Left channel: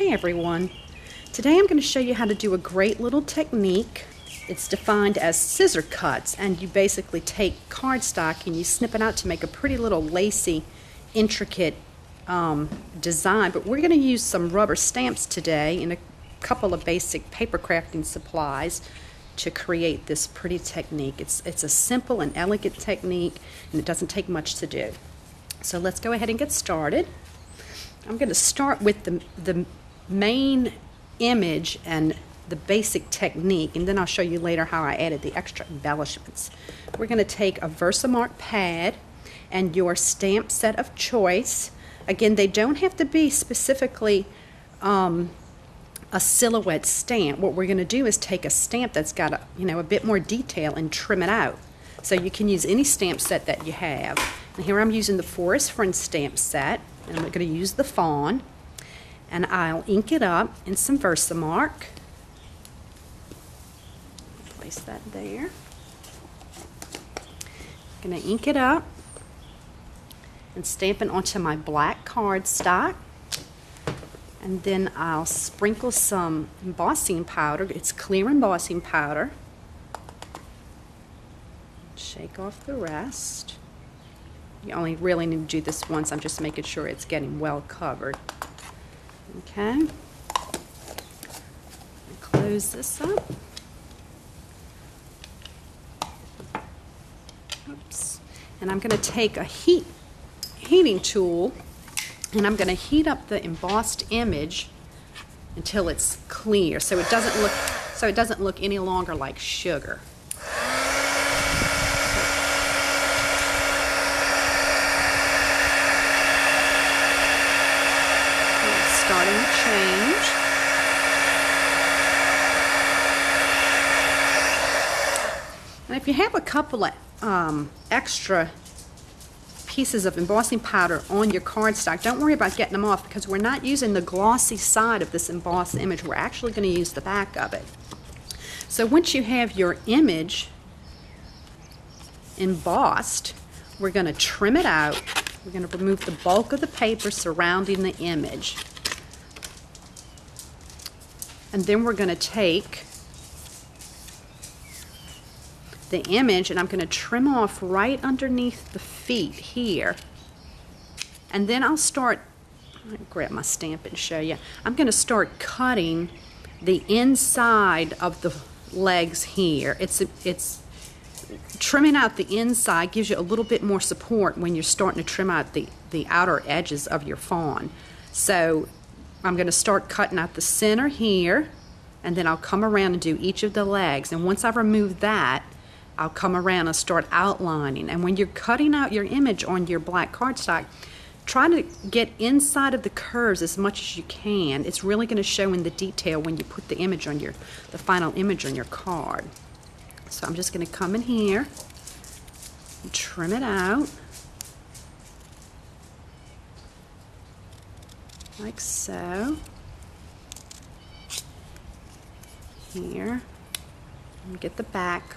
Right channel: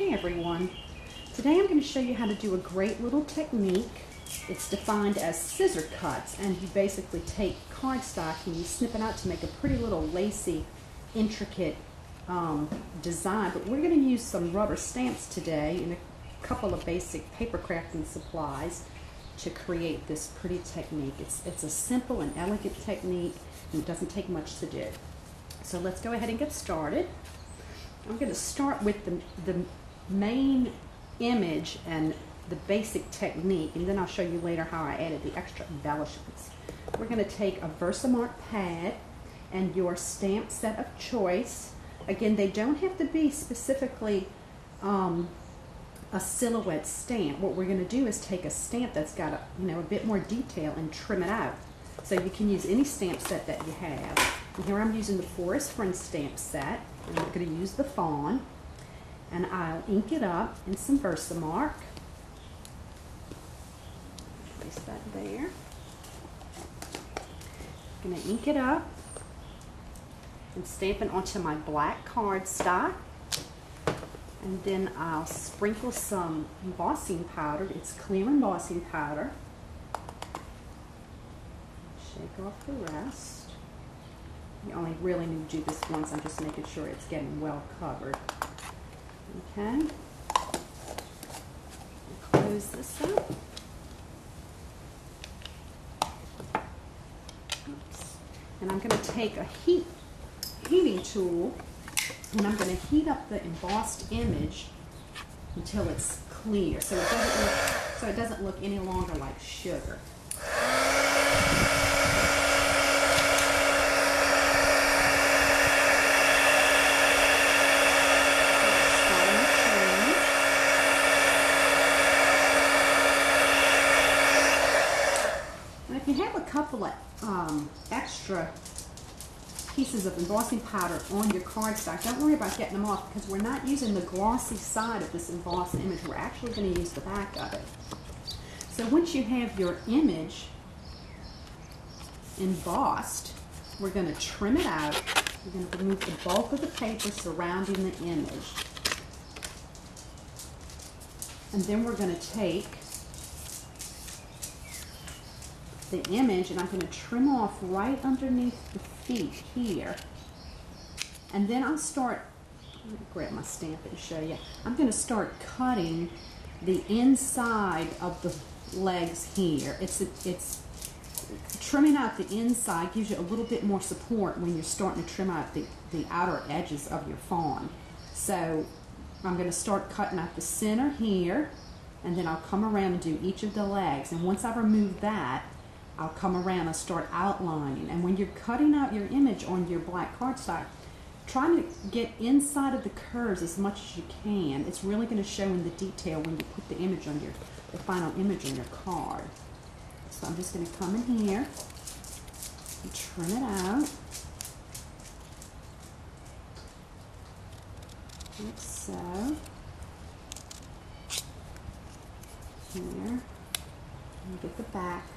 Hey everyone, today I'm going to show you how to do a great little technique. It's defined as scissor cuts, and you basically take cardstock and you snip it out to make a pretty little lacy, intricate design. But we're going to use some rubber stamps today and a couple of basic paper crafting supplies to create this pretty technique. It's a simple and elegant technique, and it doesn't take much to do. So let's go ahead and get started. I'm going to start with the main image and the basic technique, and then I'll show you later how I added the extra embellishments. We're going to take a Versamark pad and your stamp set of choice. Again, they don't have to be specifically a silhouette stamp. What we're going to do is take a stamp that's got a bit more detail and trim it out. So you can use any stamp set that you have. And here I'm using the Forest Friends stamp set, and I'm going to use the fawn, and I'll ink it up in some Versamark. Place that there. I'm going to ink it up and stamp it onto my black cardstock, and then I'll sprinkle some embossing powder. It's clear embossing powder. Shake off the rest. You only really need to do this once. I'm just making sure it's getting well covered. Okay. Close this up. Oops. And I'm going to take a heating tool, and I'm going to heat up the embossed image until it's clear, so it doesn't look any longer like sugar. And if you have a couple of extra pieces of embossing powder on your cardstock, don't worry about getting them off, because we're not using the glossy side of this embossed image. We're actually going to use the back of it. So once you have your image embossed, we're going to trim it out. We're going to remove the bulk of the paper surrounding the image. And then we're going to take the image, and I'm going to trim off right underneath the feet here. And then I'll start, let me grab my stamp and show you. I'm going to start cutting the inside of the legs here. It's trimming out the inside gives you a little bit more support when you're starting to trim out the outer edges of your fawn. So I'm going to start cutting out the center here, and then I'll come around and do each of the legs. And once I've removed that, I'll come around and start outlining. And when you're cutting out your image on your black cardstock, try to get inside of the curves as much as you can. It's really going to show in the detail when you put the image on the final image on your card. So I'm just going to come in here and trim it out like so. Here, and get the back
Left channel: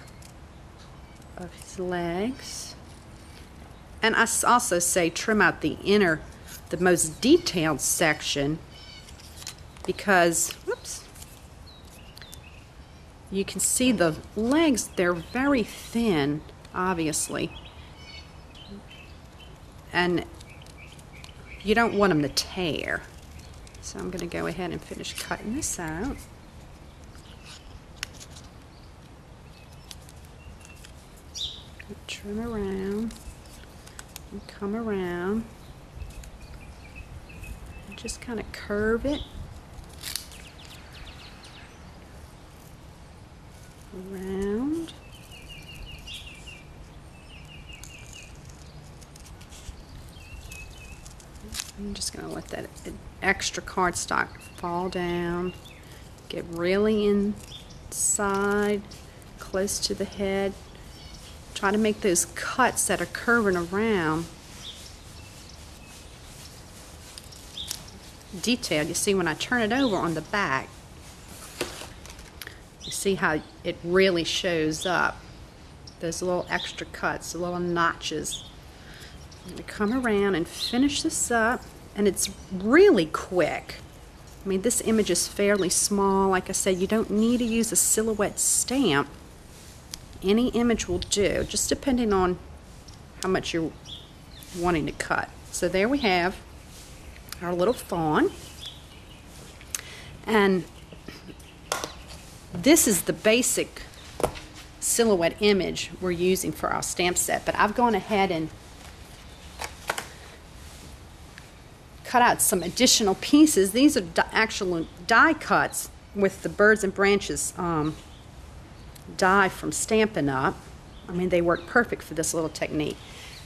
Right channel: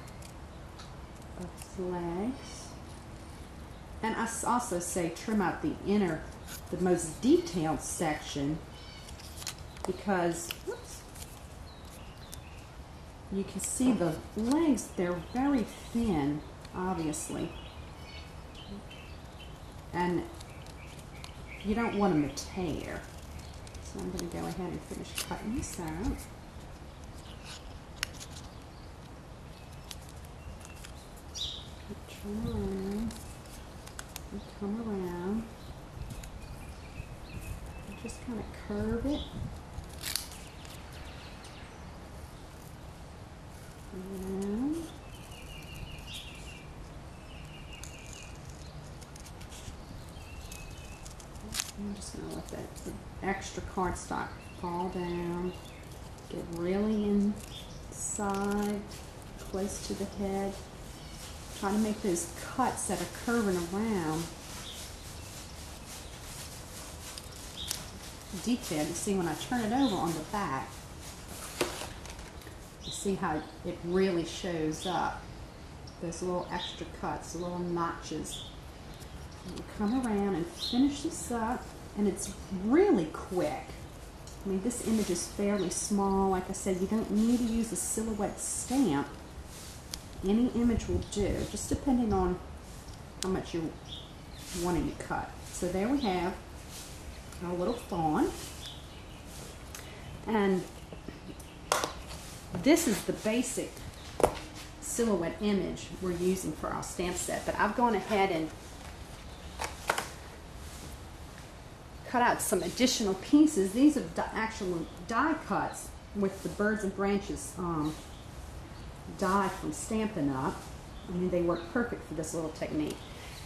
of his legs. And I also say trim out the inner, the most detailed section, because, whoops, you can see the legs, they're very thin, obviously, and you don't want them to tear. So I'm going to go ahead and finish cutting this out. Turn around and come around and just kind of curve it around. I'm just going to let that extra cardstock fall down, get really inside, close to the head. Try to make those cuts that are curving around detailed. You see when I turn it over on the back, you see how it really shows up. Those little extra cuts, the little notches. I'm going to come around and finish this up, and it's really quick. I mean, this image is fairly small. Like I said, you don't need to use a silhouette stamp. Any image will do, just depending on how much you're wanting to cut. So there we have our little fawn. And this is the basic silhouette image we're using for our stamp set. But I've gone ahead and cut out some additional pieces. These are actual die cuts with the birds and branches die from Stampin' Up. I mean, they work perfect for this little technique.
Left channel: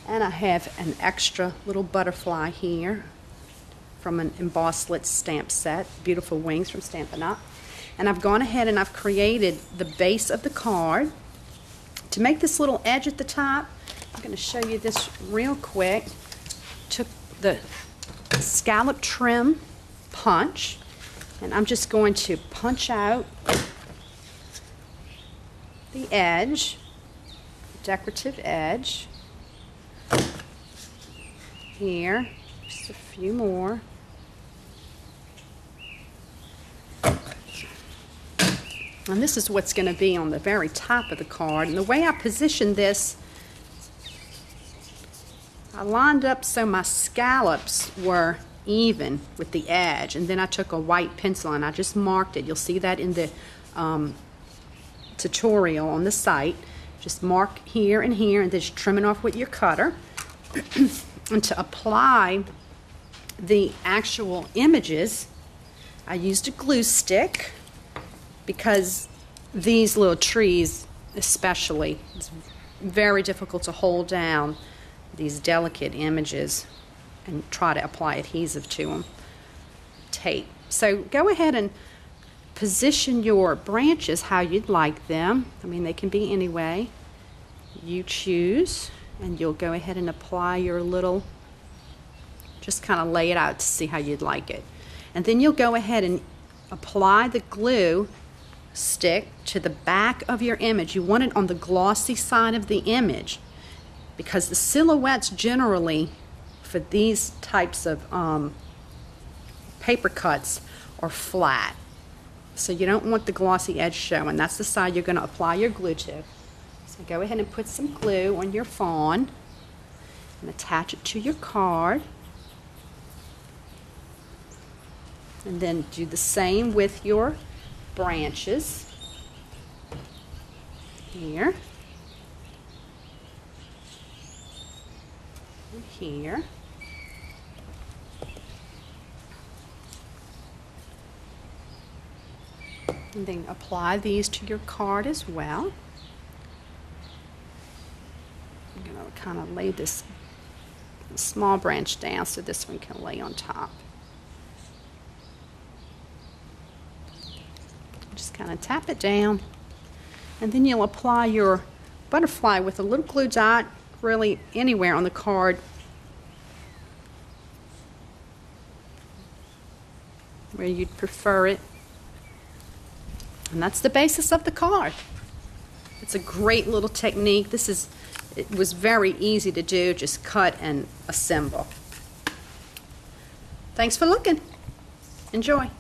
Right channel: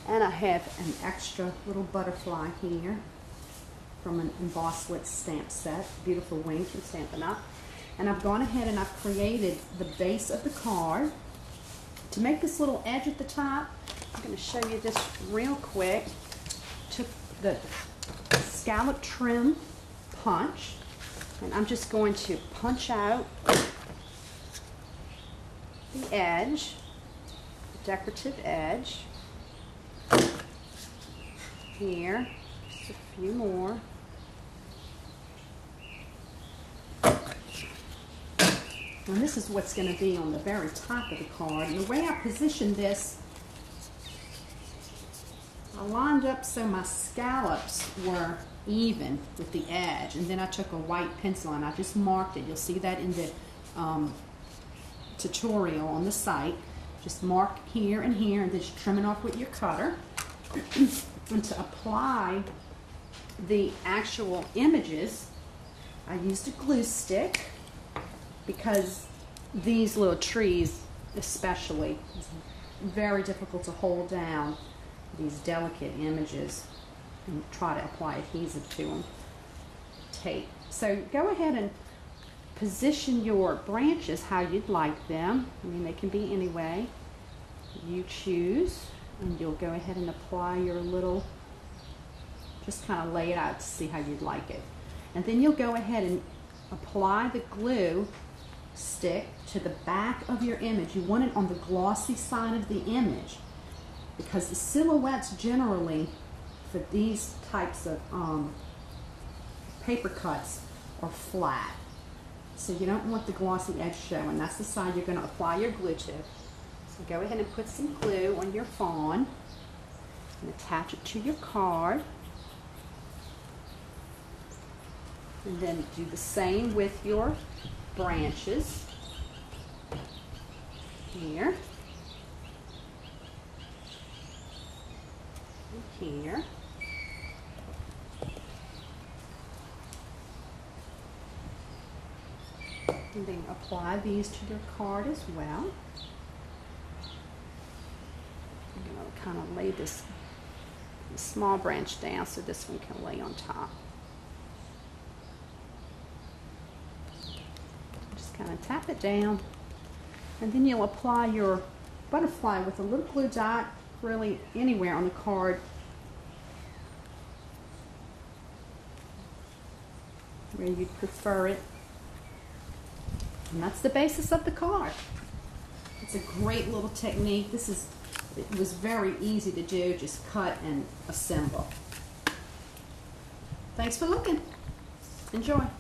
And I have an extra little butterfly here from an embossed lit stamp set, beautiful wings from Stampin' Up. And I've gone ahead and I've created the base of the card. To make this little edge at the top, I'm going to show you this real quick. Took the scallop trim punch, and I'm just going to punch out the edge, the decorative edge here, just a few more. And this is what's going to be on the very top of the card. And the way I positioned this, I lined up so my scallops were even with the edge, and then I took a white pencil and I just marked it. You'll see that in the tutorial on the site. Just mark here and here and then just trim it off with your cutter. And to apply the actual images, I used a glue stick, because these little trees especially, it's very difficult to hold down these delicate images and try to apply adhesive to them. Tape. So go ahead and position your branches how you'd like them. I mean, they can be any way you choose, and you'll go ahead and apply your little, just kind of lay it out to see how you'd like it. And then you'll go ahead and apply the glue stick to the back of your image. You want it on the glossy side of the image, because the silhouettes generally for these types of paper cuts are flat. So you don't want the glossy edge showing. That's the side you're going to apply your glue to. So go ahead and put some glue on your fawn and attach it to your card. And then do the same with your branches here and here. And then apply these to your card as well. I'm going to kind of lay this small branch down so this one can lay on top. Just kind of tap it down, and then you'll apply your butterfly with a little glue dot, really anywhere on the card where you'd prefer it. And that's the basis of the card. It's a great little technique. It was very easy to do, just cut and assemble. Thanks for looking. Enjoy.